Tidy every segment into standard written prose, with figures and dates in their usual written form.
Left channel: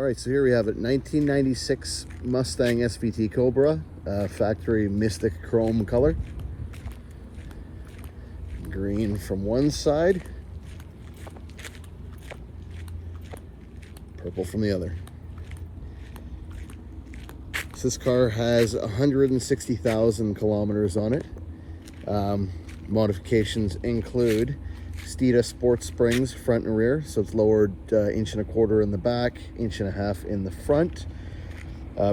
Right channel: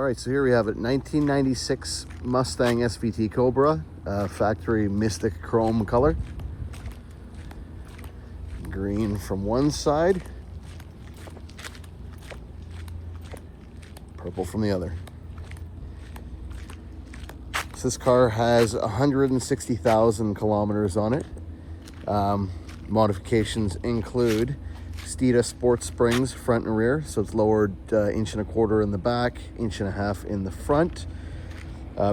All right, so here we have it, 1996 Mustang SVT Cobra, factory Mystic Chrome color. Green from one side, purple from the other. So this car has 160,000 kilometers on it. Modifications include Steeda sports springs front and rear, so it's lowered 1.25 inches in the back, 1.5 inches in the front.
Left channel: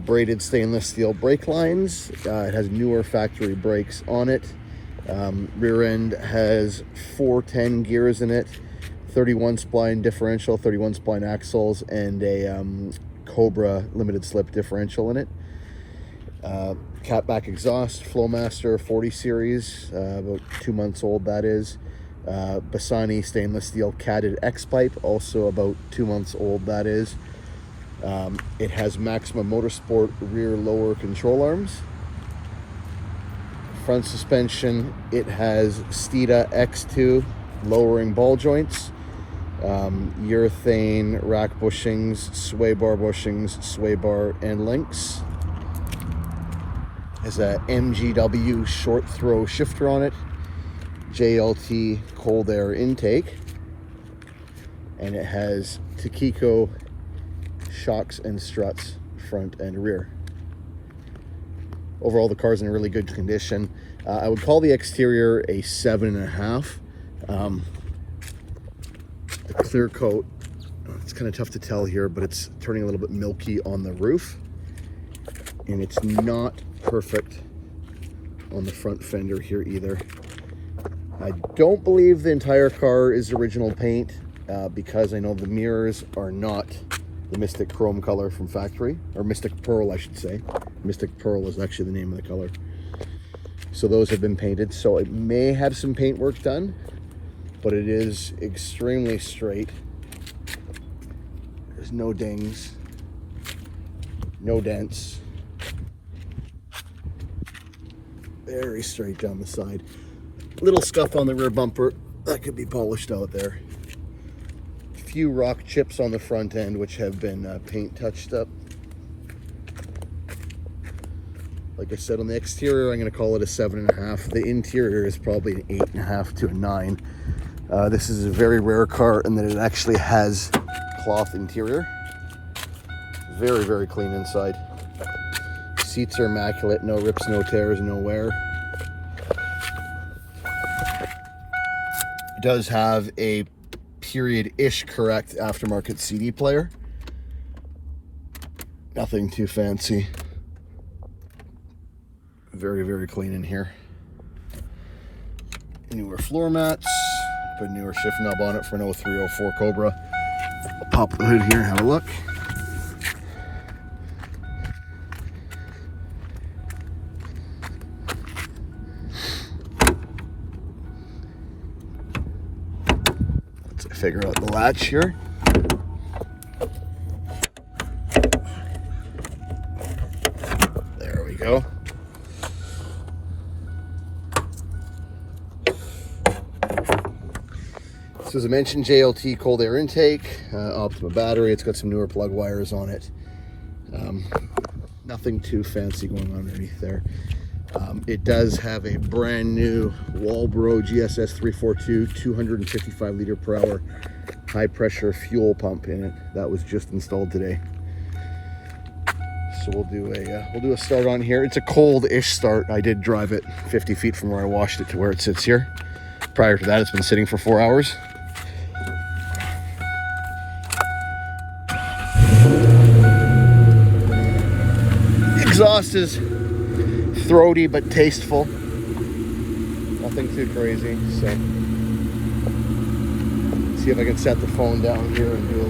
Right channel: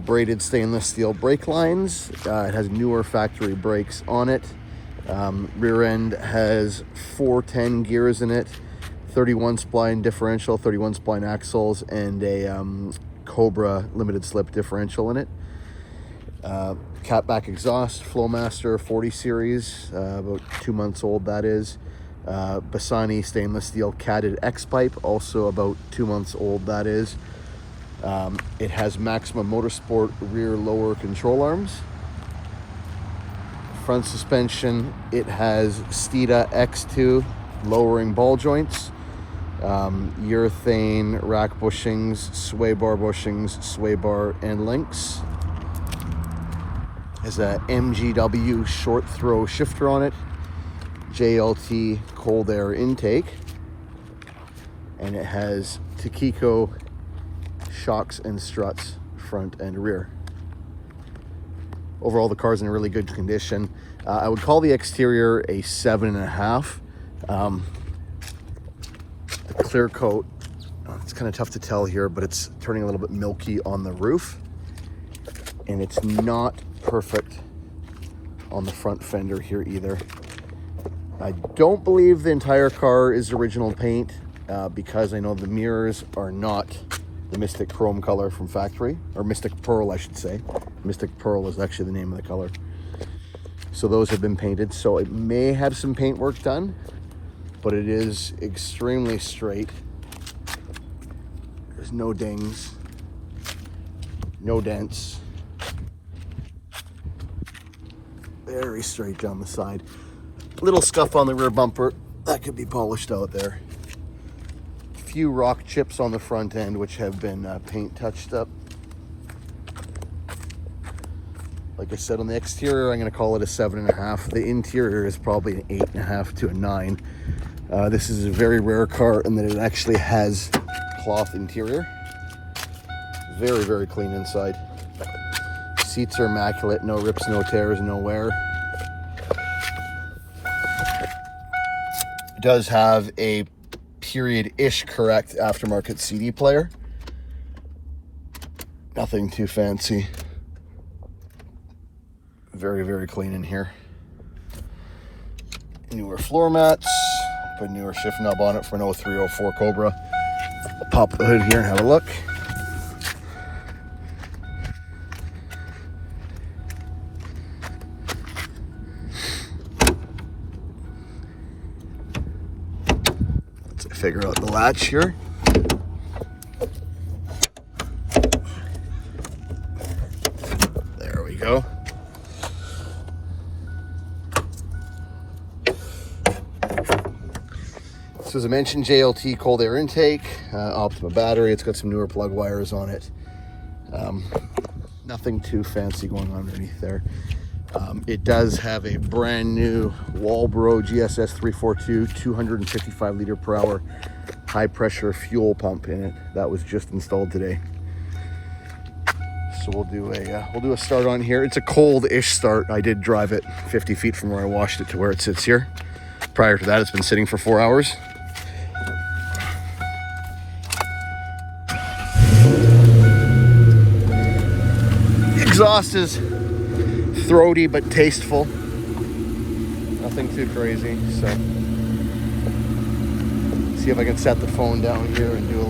Braided stainless steel brake lines. It has newer factory brakes on it. Rear end has 410 gears in it, 31 spline differential, 31 spline axles, and a Cobra limited slip differential in it. Catback exhaust, Flowmaster 40 series, about 2 months old that is. Bassani stainless steel catted X pipe, also about 2 months old that is. It has Maximum Motorsport rear lower control arms. Front suspension, it has Steeda X2 lowering ball joints, urethane rack bushings, sway bar and links. Has a MGW short throw shifter on it, JLT cold air intake, and it has Tokico shocks and struts front and rear. Overall, the car's in a really good condition. I would call the exterior a 7.5. The clear coat, it's kind of tough to tell here, but it's turning a little bit milky on the roof, and it's not perfect on the front fender here either. I don't believe the entire car is original paint because I know the mirrors are not the Mystic Chrome color from factory, or Mystic Pearl I should say. Mystic Pearl is actually the name of the color. So those have been painted, so it may have some paint work done, but it is extremely straight. There's no dings, no dents. Very straight down the side. Little scuff on the rear bumper, that could be polished out there. A few rock chips on the front end, which have been paint touched up. Like I said, on the exterior, I'm going to call it a 7.5. The interior is probably an 8.5 to a 9. This is a very rare car in that it actually has cloth interior. Very, very clean inside. Seats are immaculate, no rips, no tears, no wear. It does have a period-ish correct aftermarket CD player. Nothing too fancy. Very, very clean in here. Newer floor mats. Put a newer shift knob on it for an 0304 Cobra. I'll pop the hood here and have a look. Let's figure out the latch here. There we go. So as I mentioned, JLT cold air intake, Optima battery. It's got some newer plug wires on it. Nothing too fancy going on underneath there. It does have a brand new Walbro GSS 342 255 liter per hour high pressure fuel pump in it. That was just installed today. So we'll do a start on here. It's a cold-ish start. I did drive it 50 feet from where I washed it to where it sits here. Prior to that, it's been sitting for 4 hours. The exhaust is throaty but tasteful. Nothing too crazy. So, see if I can set the phone down here and do a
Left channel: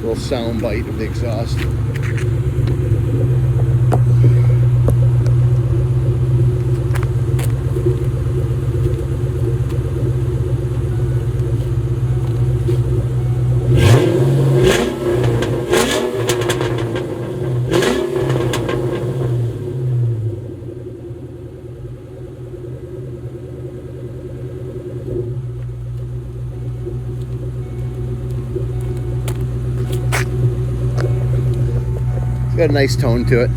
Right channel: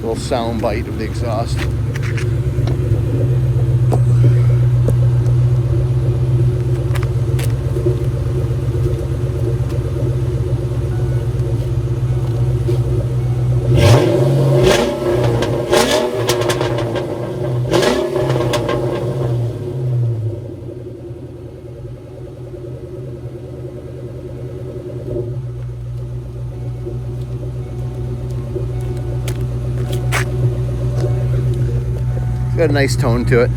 little sound bite of the exhaust. a nice tone to it.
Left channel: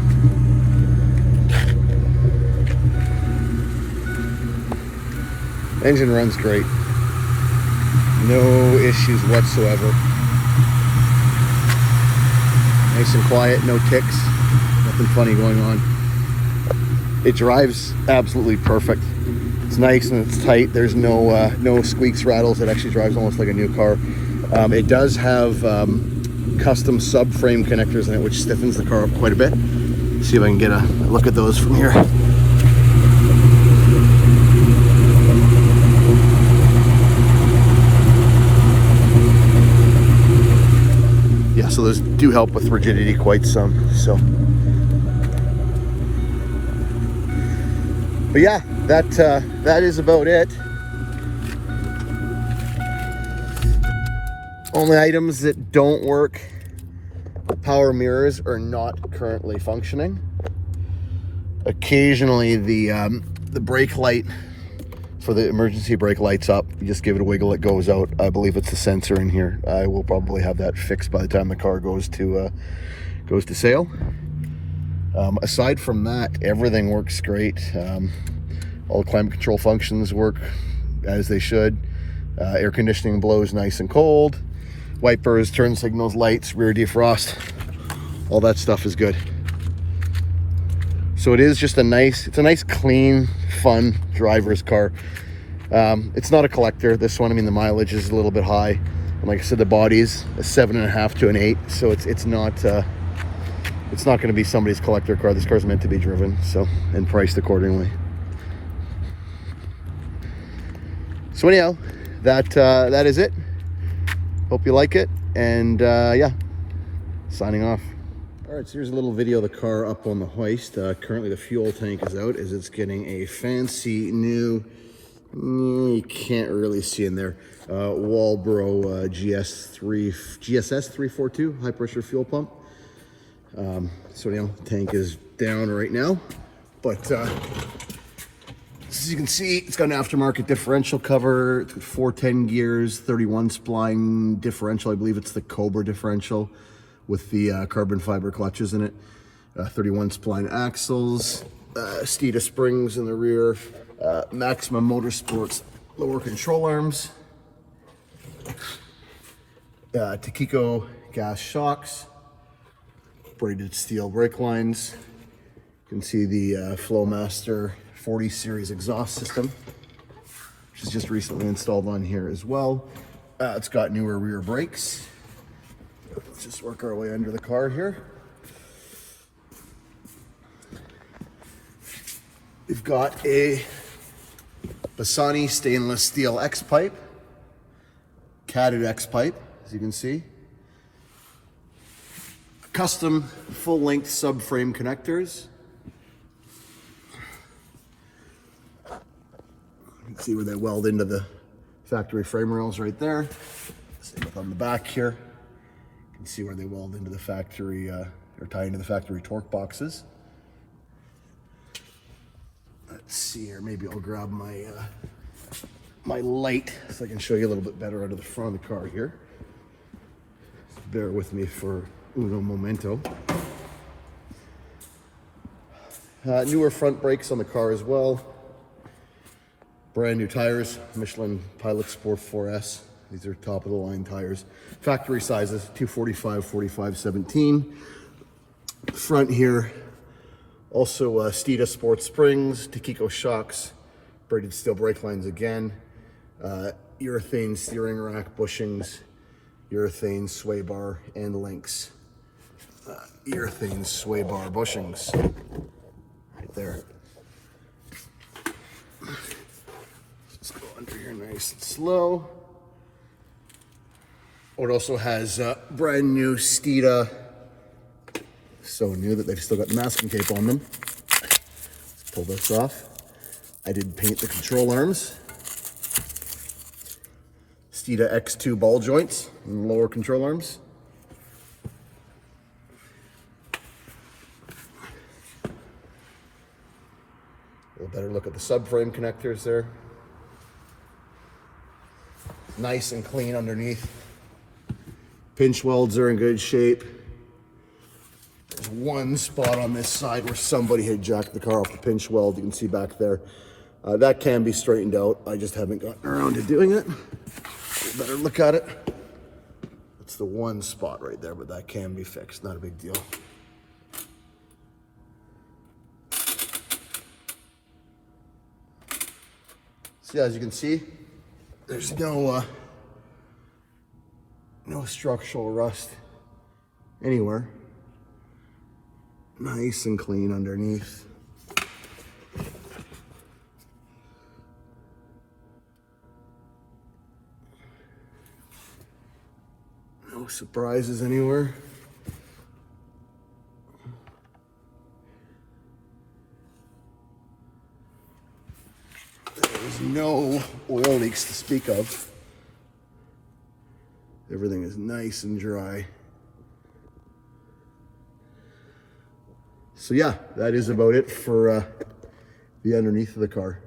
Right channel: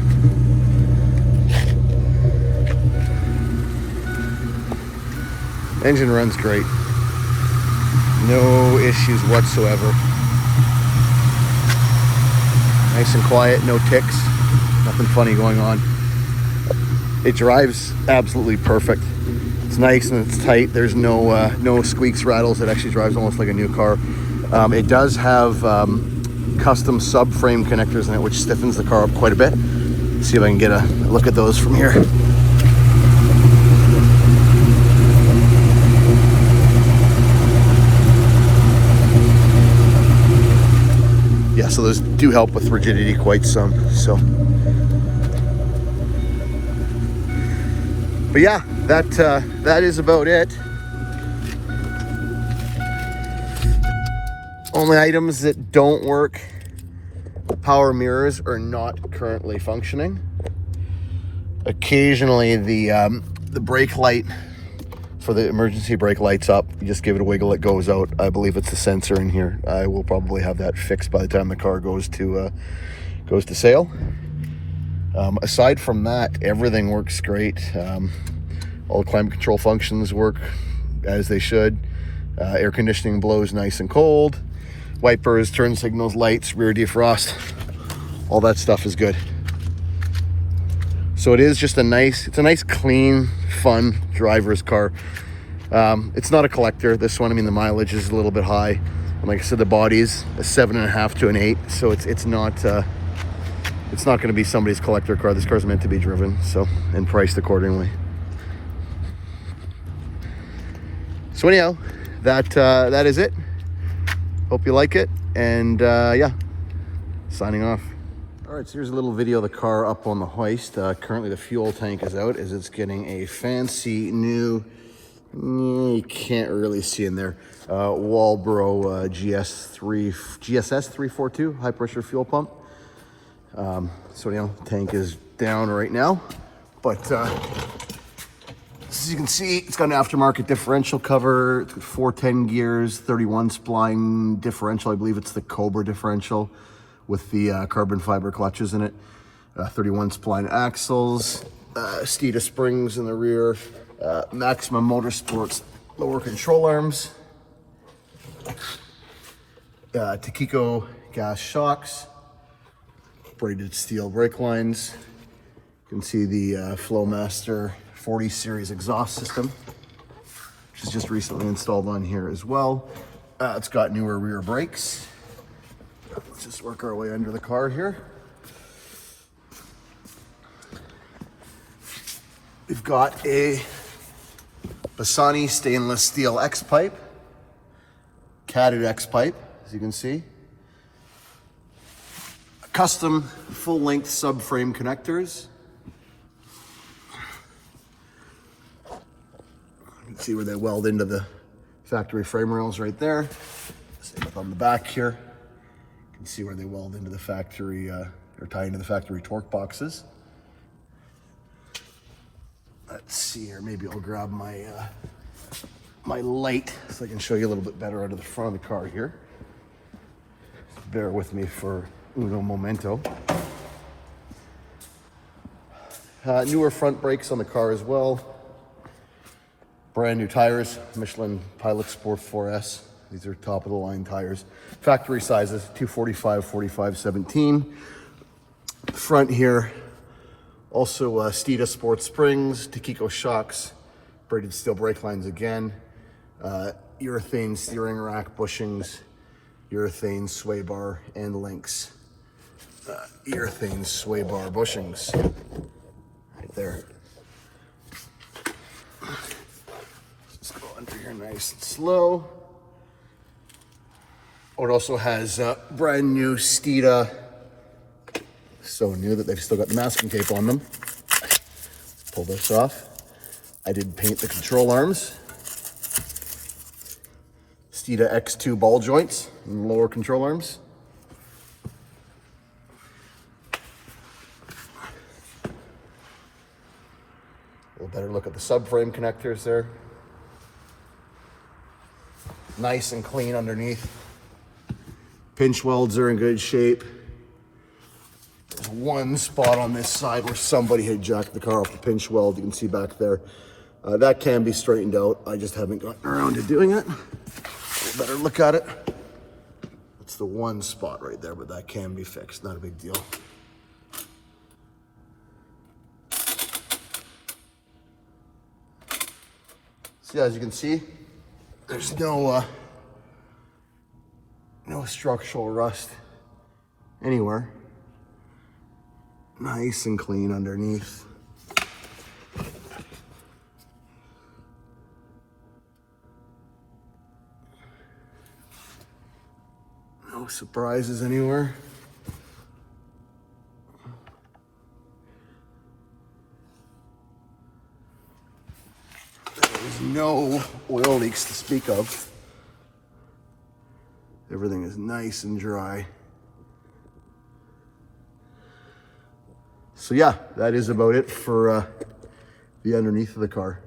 Engine runs great. No issues whatsoever. Nice and quiet, no ticks, nothing funny going on. It drives absolutely perfect. It's nice and it's tight. There's no squeaks, rattles. It actually drives almost like a new car. It does have custom subframe connectors in it, which stiffens the car up quite a bit. Let's see if I can get a look at those from here. Yeah, so those do help with rigidity quite some. So, but yeah, that is about it. Only items that don't work: power mirrors are not currently functioning. Occasionally, the brake light for the emergency brake lights up. You just give it a wiggle, it goes out. I believe it's the sensor in here. I will probably have that fixed by the time the car goes to sale. Aside from that, everything works great. All climate control functions work as they should. Air conditioning blows nice and cold. Wipers, turn signals, lights, rear defrost, all that stuff is good. So it is just it's a nice, clean, fun driver's car. It's not a collector, this one. I mean, the mileage is a little bit high. And like I said, the body's a 7.5 to an 8, so it's not going to be somebody's collector car. This car's meant to be driven, so, and priced accordingly. So anyhow, that is it. Hope you like it, and yeah, signing off. All right, so here's a little video of the car up on the hoist. Currently the fuel tank is out as it's getting a fancy new, you can't really see in there, Walbro GSS 342 high pressure fuel pump. So you know, the tank is down right now, but as you can see, it's got an aftermarket differential cover. It's got 410 gears, 31 spline differential. I believe it's the Cobra differential with the carbon fiber clutches in it. 31 spline axles, Steeda springs in the rear, Maximum Motorsports lower control arms, Tokico gas shocks, braided steel brake lines. You can see the Flowmaster 40 series exhaust system, which is just recently installed on here as well. It's got newer rear brakes. Let's just work our way under the car here. We've got a Bassani stainless steel X pipe, catted X pipe, as you can see. Custom full-length subframe connectors. You can see where they weld into the factory frame rails right there. Same up on the back here. You can see where they weld into the factory, or tie into the factory torque boxes. Let's see here, maybe I'll grab my my light so I can show you a little bit better out of the front of the car here. Bear with me for uno momento. Newer front brakes on the car as well. Brand new tires, Michelin Pilot Sport 4S. These are top of the line tires. Factory sizes, 245, 45, 17. Front here, also Steeda Sport springs, Tokico shocks, braided steel brake lines again, urethane steering rack bushings, urethane sway bar and links. Urethane sway bar bushings, right there. Just go under here nice and slow. Oh, it also has brand new Steeda, so new that they've still got the masking tape on them. Let's pull this off. I did paint the control arms. Steeda X2 ball joints and lower control arms. A little better look at the subframe connectors there. Nice and clean underneath. Pinch welds are in good shape. There's one spot on this side where somebody had jacked the car off the pinch weld. You can see back there. That can be straightened out. I just haven't gotten around to doing it. Better look at it. It's the one spot right there, but that can be fixed. Not a big deal. So yeah, as you can see, there's no structural rust anywhere. Nice and clean underneath. No surprises anywhere. There's no oil leaks to speak of. Everything is nice and dry. So yeah, that is about it for the underneath of the car.